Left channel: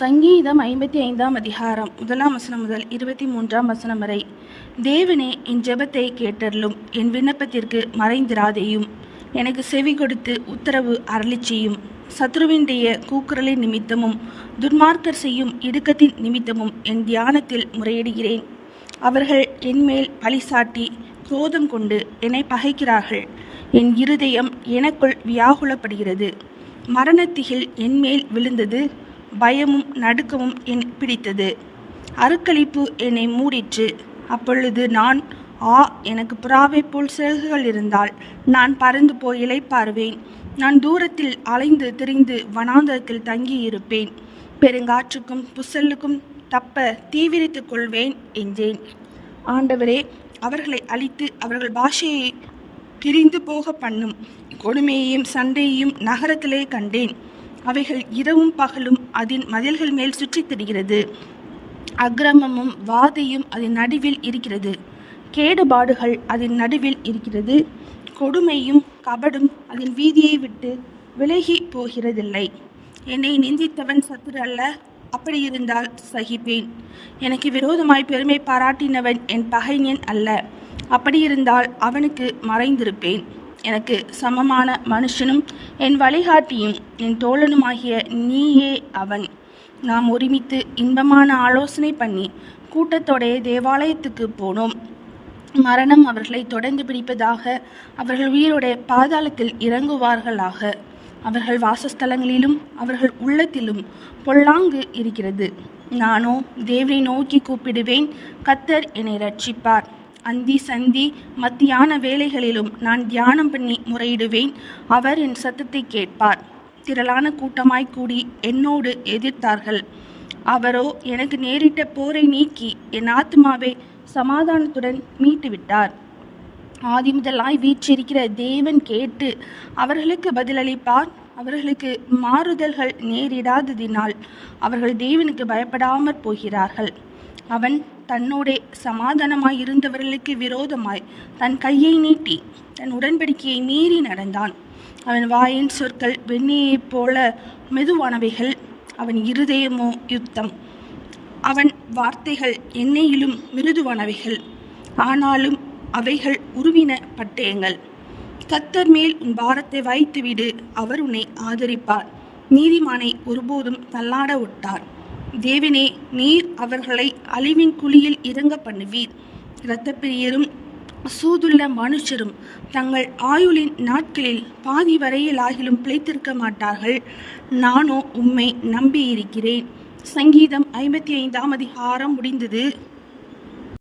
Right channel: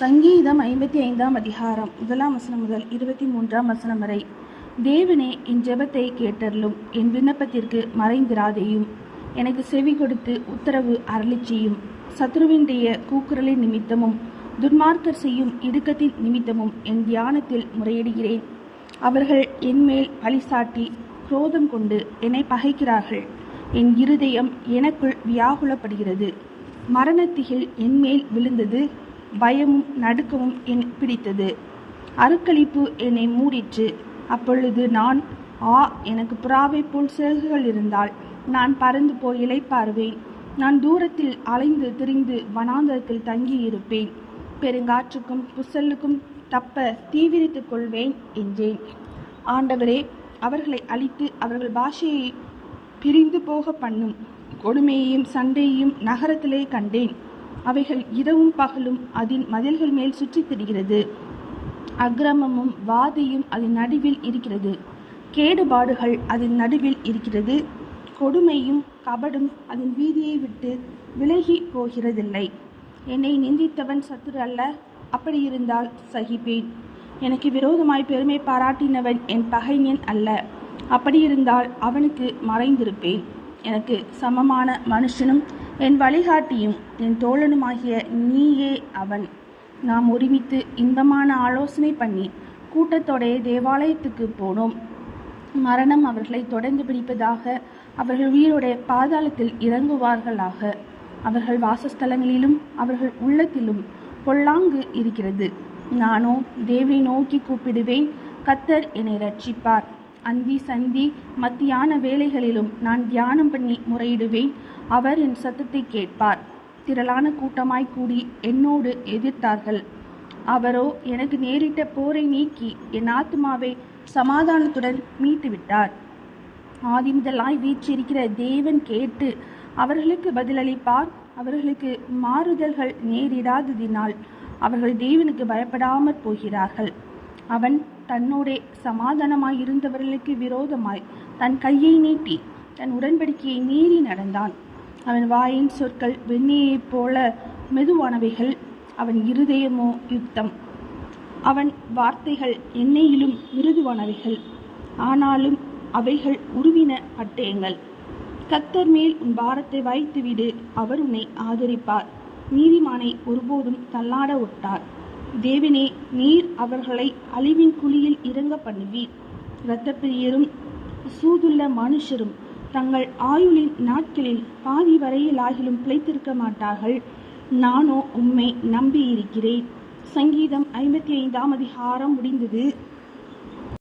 சங்கீதம் 55ஆம் அதிகாரம் 1ஆம் வசனம் முதல் 23ஆம் வசனம் வரை. தேவனே, என் ஜெபத்தை கேட்டருளும், என் விண்ணப்பத்திற்கு மறைந்திராதேயும். எனக்கு செவி கொடுத்து உத்தரவு அருளிச் செய்யும். சத்ருவினுடைய கூக்குரலின் நிமித்தமும் துன்மார்க்கர் செய்யும் இடுக்கத்தின் நிமித்தமும் என் தியானத்தில் முறையிடுகிறேன். அவர்கள் என்மேல் பழிசாட்டி குரோதம் கொண்டு என்னை பகைக்கிறார்கள். என் இருதயம் எனக்குள் வியாகுலப்படுகிறது. மரணத்திகில் என்மேல் விழுந்தது. பயமும் நடுக்கமும் என் பிடித்தது. அருக்களிப்பு என்னை மூடிற்று. அப்பொழுது நான், எனக்கு புறாவை போல் சிறகுகள் இருந்தால் நான் பறந்து போய் இளைப்பாறுவேன். நான் தூரத்தில் அலைந்து திரிந்து வனாந்தரத்தில் தங்கியிருப்பேன். பெருங்காற்றுக்கும் புசலுக்கும் தப்ப தீவிரித்துக் கொள்வேன் என்றேன். ஆண்டவரே, அவர்களை அழித்து அவர்கள் பாஷையை பிரிந்து போக பண்ணும் கொடுமையையும் சண்டையையும் நகரத்திலே கண்டேன். அவைகள் இரவும் பகலும் அதன் மதில்கள் மேல் சுற்றித் திரிகிறது. அக்கிரமமும் வாதையும் அதன் நடுவில் இருக்கிறது. கேடுபாடுகள் அதன் நடுவில் இருக்கிறது. கொடுமையும் கபடும் அதன் வீதியை விட்டு விலகி போகிறதில்லை. என்னை நிந்தித்தவன் சத்துரு அல்ல, அப்படியிருந்தால் சகிப்பேன். எனக்கு விரோதமாய் பெருமை பாராட்டினவன் என் பகைஞன் அல்ல, அப்படியிருந்தால் அவனுக்கு மறைந்திருப்பேன். எனக்கு சமமான மனுஷனும் என் வழிகாட்டியும் என் தோழனுமாகிய நீயே அவன். நாம் ஒருமித்து இன்பமான ஆலோசனை பண்ணி கூட்டத்தோடைய தேவாலயத்துக்கு போனோம். மரணம் அவர்களை தொடர்ந்து பிடிப்பதாக. அவர்கள் உயிரோடைய பாதாளத்தில் இறங்குவார்களாக. அவர்கள் வாசஸ்தலங்களிலும் அவர்கள் உள்ளத்திலும் பொல்லாங்கு இருக்கிறது. நானோ தேவனை நோக்கி கூப்பிடுவேன். கர்த்தர் என்னை இரட்சிப்பார். அந்தி சந்தி மத்தியான வேளைகளிலும் நான் தியானம் பண்ணி முறையிடுவேன். அவர் என் சத்தத்தை கேட்பார். திரளான கூட்டமாய் கூடி என்னோடு எதிர்த்தார்கள். அவரோ எனக்கு நேரிட்ட போரை நீக்கி என் ஆத்மாவை சமாதானத்துடன் மீட்டுவிட்டார். ஆதி முதலாய் வீற்றிருக்கிற தேவன் கேட்டு அவர்களுக்கு பதிலளிப்பார். அவர்களுக்கு மாறுதல்கள் நேரிடாததினால் அவர்கள் தேவனுக்கு பயப்படாமற் போகிறார்கள். அவன் தன்னோடே சமாதானமாய் இருந்தவர்களுக்கு விரோதமாய் தன் கையை நீட்டி தன் உடன்படிக்கையை மீறி நடந்தான். அவன் வாயின் சொற்கள் வெண்ணெயைப் போல மெதுவானவைகள். அவன் இருதயமோ யுத்தம். அவன் வார்த்தைகள் எண்ணெயிலும் மிருதுவானவைகள். ஆனாலும் அவைகள் உருவின பட்டயங்கள். கர்த்தர் மேல் உன் பாரத்தை வைத்துவிடு, அவர் உன்னை ஆதரிப்பார். நீதிமானை ஒருபோதும் தள்ளாட ஒட்டார். தேவனே, நீர் அவர்களை அழிவின் குழியில் இறங்க பண்ணுவீர். இரத்தப்பிரியரும் சூதுள்ள மனுஷரும் தங்கள் ஆயுளின் நாட்களில் பாதி வரையில் ஆகிலும் பிழைத்திருக்க மாட்டார்கள். நானோ உம்மை நம்பியிருக்கிறேன். சங்கீதம் 55ஆம் அதிகாரம் முடிந்தது.